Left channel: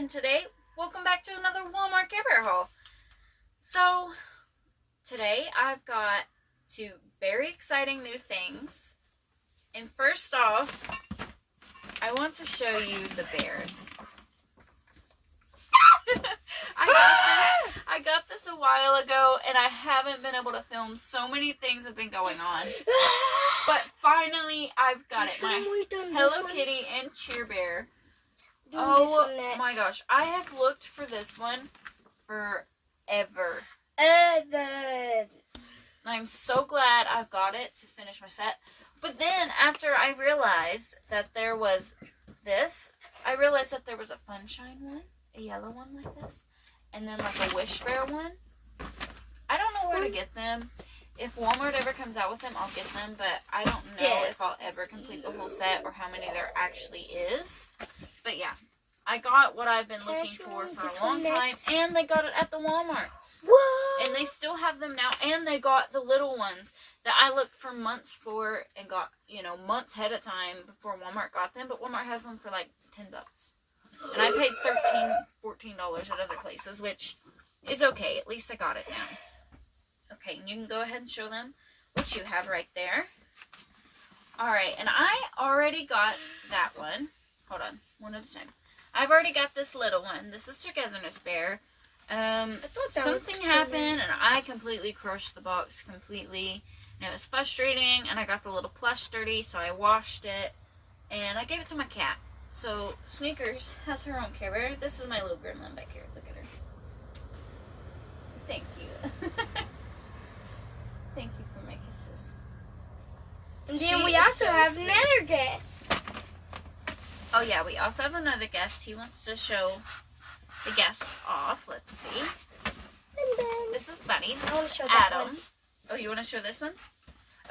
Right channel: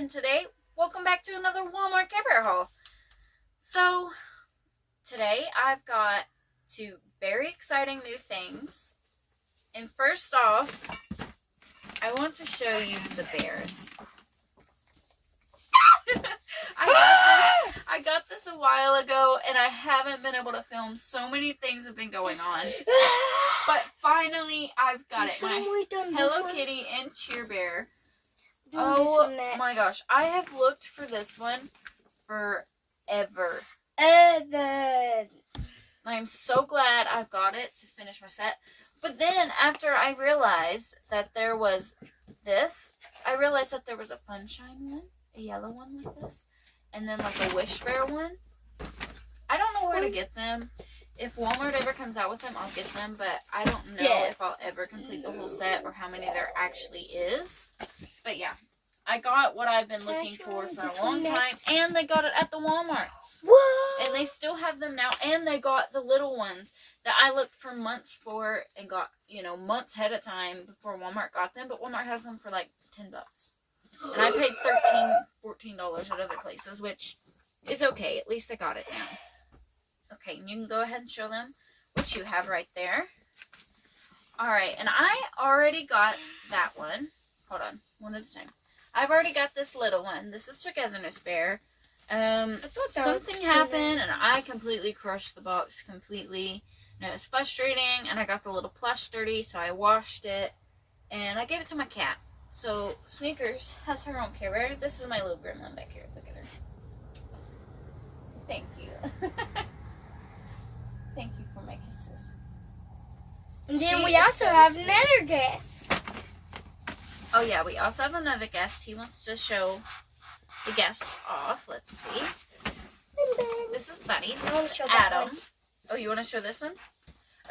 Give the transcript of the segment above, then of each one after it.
and today, welcome back to another Walmart Carebear haul. So, today I've got two very exciting new things. And first off, I want to show you the bears. I got this a while ago, and I haven't been able to film. So many things have been going on. But finally, I've got it. My Hello Kitty and Carebear. Oh my gosh, I have looked for this one forever. I'm so glad I've got it to finish my set. But then after I realized that there was this, I realized that there was a Funshine one, a yellow one like this, and then like a Wish Bear one. I don't know where to get them. If Walmart ever comes out with them, I'll get them, but I don't know if I'll ever complete the whole set or how many there actually is. But yeah, I got what I've been looking for a long time, and they got it at the Walmarts. Whoa! And they still have them now, and they got the little ones that I looked for months for and got, months ahead of time before Walmart got them, but Walmart has them for like $10. And I paid $13, $14 at other places, which is okay. At least I got it now. Okay, and you can go ahead and show them what you have right there. Alright, and I already got that one. Hold on, one at a time. I've already got this little one. This is Togetherness Bear. Something happened, and I completely crushed the box completely. And it was frustrating, and I got the little plush dirty, so I washed it, and I gave it to my cat. So, Sneakers has her own Care Bear. This is my little gremlin back here. Look at her. Thank you. Thank you for my kisses. And then we also have another guest. Oh yeah, we also have another guest. He wants to show the guest off. Let's see. This is Bunny. This is Adam. Oh, you want to show this one?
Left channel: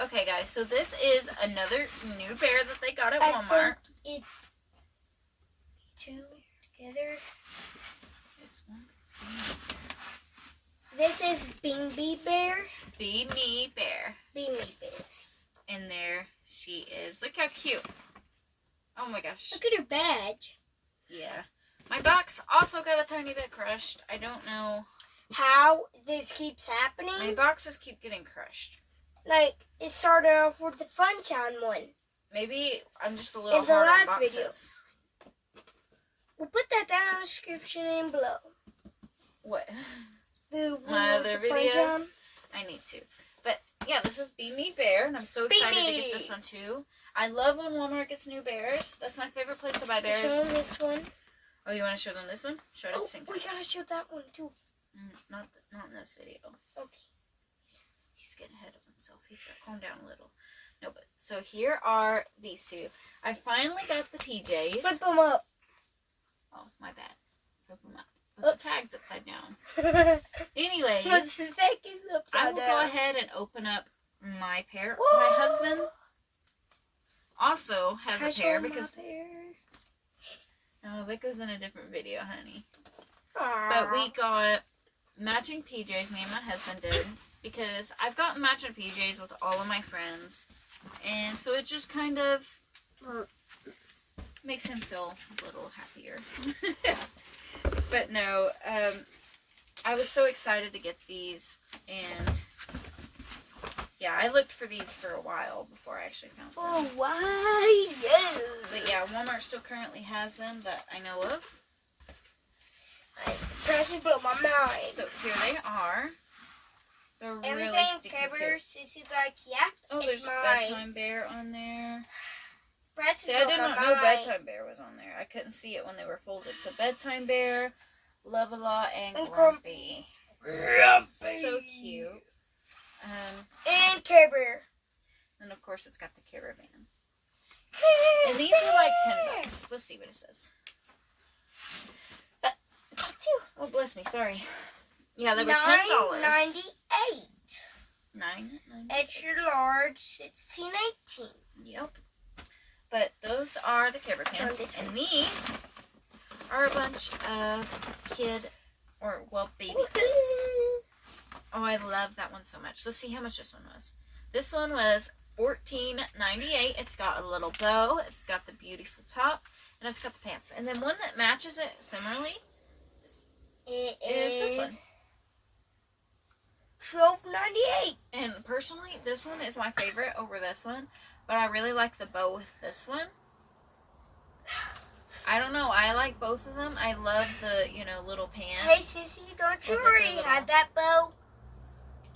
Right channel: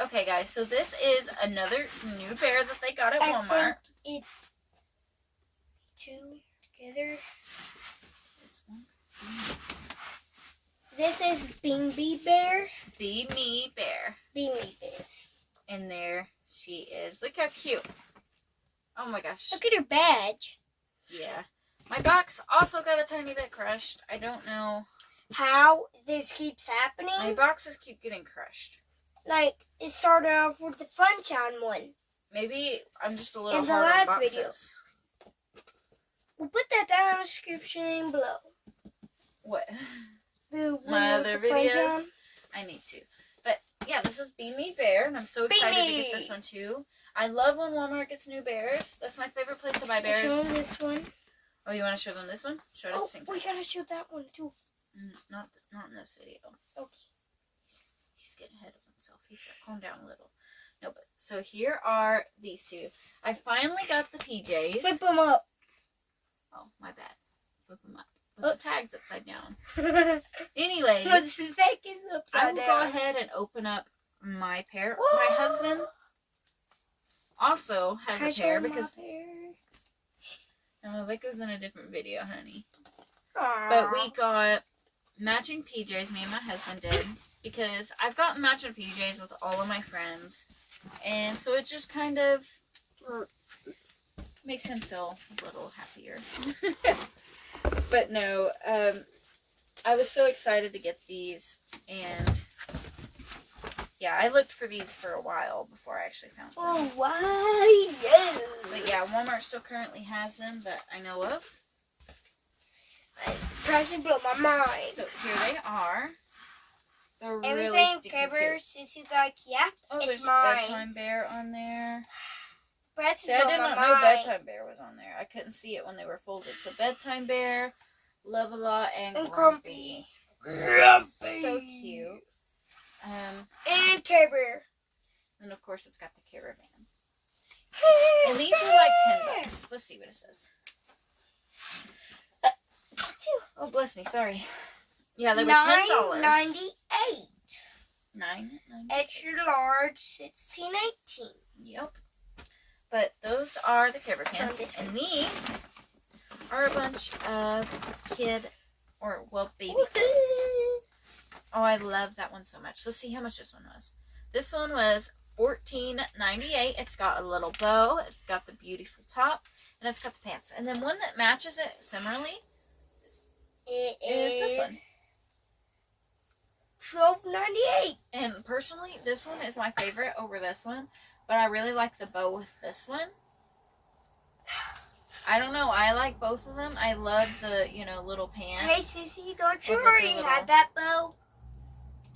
Okay, guys. So this is another new bear that they got at Walmart. It's two together. This one. This is Beanie Bear. Be Me Bear. Beanie Bear. And there she is. Look how cute. Oh my gosh. Look at her badge. Yeah. My box also got a tiny bit crushed. I don't know how this keeps happening. My boxes keep getting crushed. Like, it started off with the Funshine one. Maybe I'm just a little in the hard last on boxes. video. We'll put that down in the description below. What? My other videos? I need to. But, yeah, this is Be Me Bear, and I'm so excited to get this one, too. I love when Walmart gets new bears. That's my favorite place to buy bears. Show them this one. Oh, you want to show them this one? Show it at the same time. We gotta show that one, too. Not in this video. Okay. He's getting ahead of himself. He's got to calm down a little. No, but, so here are these two. I finally got the PJs. Flip them up. Oh, my bad. Flip them up. Put the tags upside down. Anyways, I will go ahead and open up my pair. Whoa. My husband also has a pair because... Oh, that goes in a different video, honey. Aww. But we got matching PJs, me and my husband did, because I've gotten matching PJs with all of my friends, and so it just kind of makes him feel a little happier. But no, I was so excited to get these, and yeah, I looked for these for a while before I actually found them. Oh, why? But yeah, Walmart still currently has them that I know of. Press blow my mind. So here they are. They're really everything sticky covers. Sissy's like, yeah, oh, there's mine. Bedtime Bear on there. Press See, I did not know Bedtime Bear was on there. I couldn't see it when they were folded. So Bedtime Bear, Love-A-Lot, and Grumpy. So cute. And Carebear. And of course, it's got the Caravan. And these are like $10. Let's see what it says. Oh, bless me. Sorry. Yeah, they were $10. $9.98. $9.98. Extra large, 16.18. Yep. But those are the Carebear pants, and these are a bunch of baby clothes. Oh, I love that one so much. Let's see how much this one was. This one was $14.98. It's got a little bow. It's got the beautiful top. And it's got the pants. And then one that matches it similarly It is this one. $12.98. And personally, this one is my favorite over this one. But I really like the bow with this one. I don't know. I like both of them. I love the, little pants. Hey, Sissy, don't you already have that bow?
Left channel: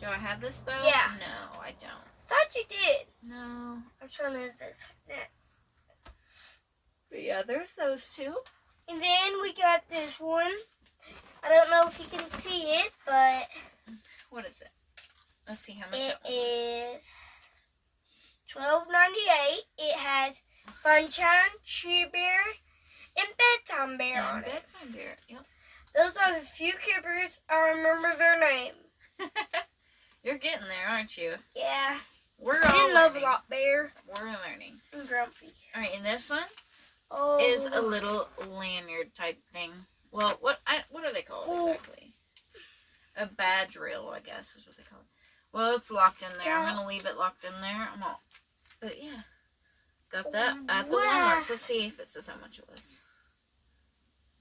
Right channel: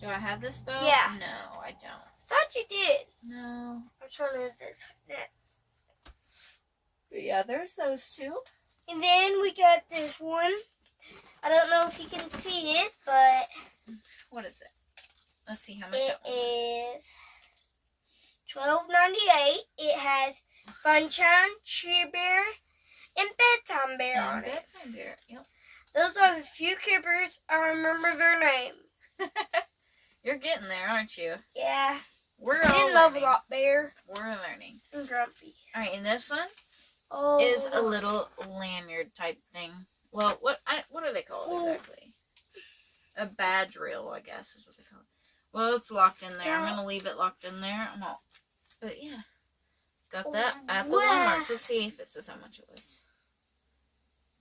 Do I have this bow? Yeah. No, I don't. Thought you did. No. I'm trying to do this. But yeah, there's those two. And then we got this one. I don't know if you can see it, but What is it? Let's see how much it that one is. is $12.98. It has Funshine, Carebear, and Bedtime Bear on And it. Bedtime Bear. Yep. Those are the few Carebears I remember their name. You're getting there, aren't you? Yeah. We're all Didn't learning. love a lot, Bear. We're learning. And Grumpy. All right, and this one Oh. is a little lanyard type thing. Well, what are they called exactly? A badge reel, I guess, is what they call it. Well, it's locked in there. I'm gonna leave it locked in there. But yeah, got that at the Walmart. Let's see if it says how much it was.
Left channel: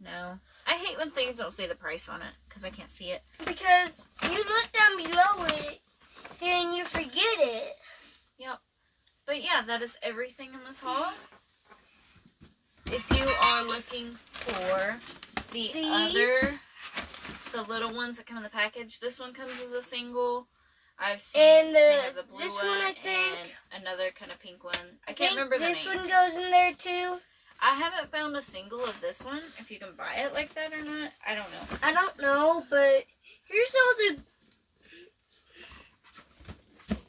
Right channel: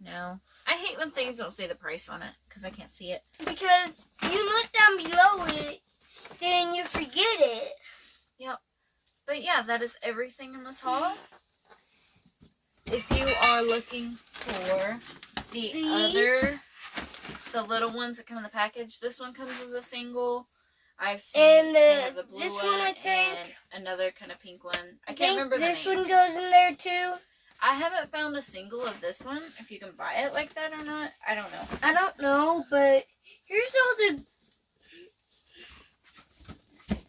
No, I hate when things don't say the price on it because I can't see it. Because you look down below it, then you forget it. Yep. But yeah, that is everything in this haul. If you are looking for the little ones that come in the package, this one comes as a single. I've seen the blue this one, one, I think, and another kind of pink one. I can't remember the names. This one goes in there too. I haven't found a single of this one. If you can buy it like that or not, I don't know. I don't know, but here's all the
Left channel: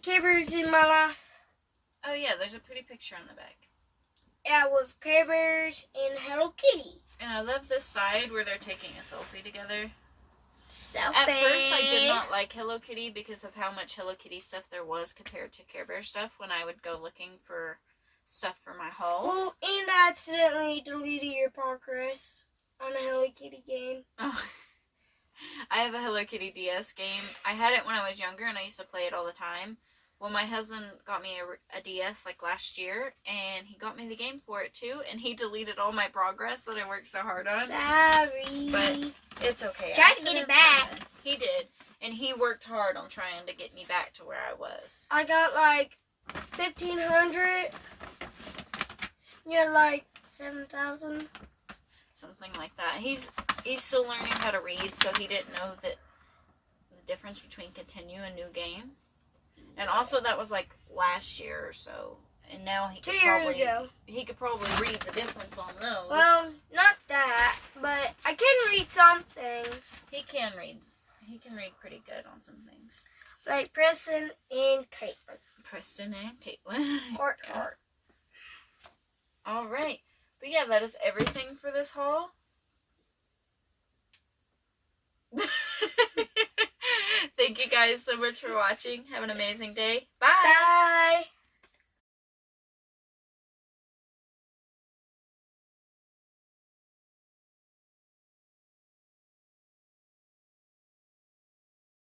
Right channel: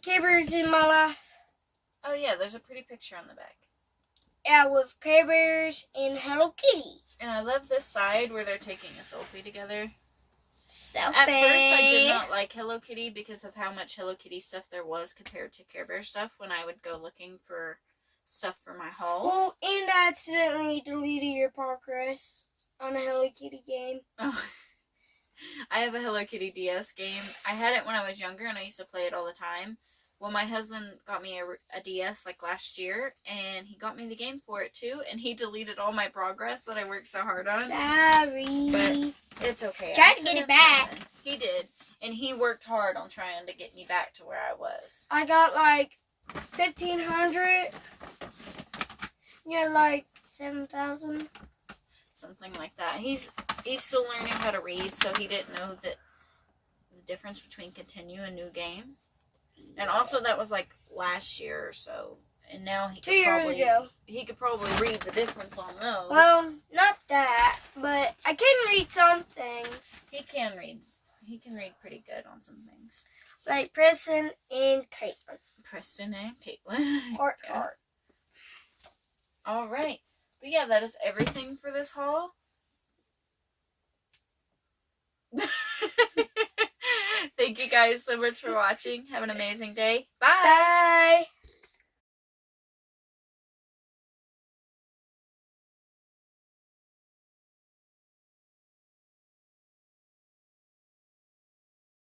Carebears in my life. Oh yeah, there's a pretty picture on the back. Yeah, with Carebears and Hello Kitty. And I love this side where they're taking a selfie together. Selfie. At first, I did not like Hello Kitty because of how much Hello Kitty stuff there was compared to Care Bear stuff when I would go looking for stuff for my hauls. Well, and I accidentally deleted your progress on a Hello Kitty game. Oh. I have a Hello Kitty DS game. I had it when I was younger and I used to play it all the time. Well, my husband got me a DS like last year and he got me the game for it too and he deleted all my progress that I worked so hard on. Sorry. But it's okay. Tried to get it back. He did. And he worked hard on trying to get me back to where I was. I got like 1,500. You're like 7,000. Something like that. He's still learning how to read, so he didn't know that the difference between continue and new game. And also that was like last year or so. And now he could probably read the difference on those. Well, not that, but I can read some things. He can read. He can read pretty good on some things. Like Preston and Caitlin. Preston and Caitlin. Heart, Yeah. heart. All right. But yeah, that is everything for this haul. Thank you guys so much for watching. Have an amazing day. Bye. Bye.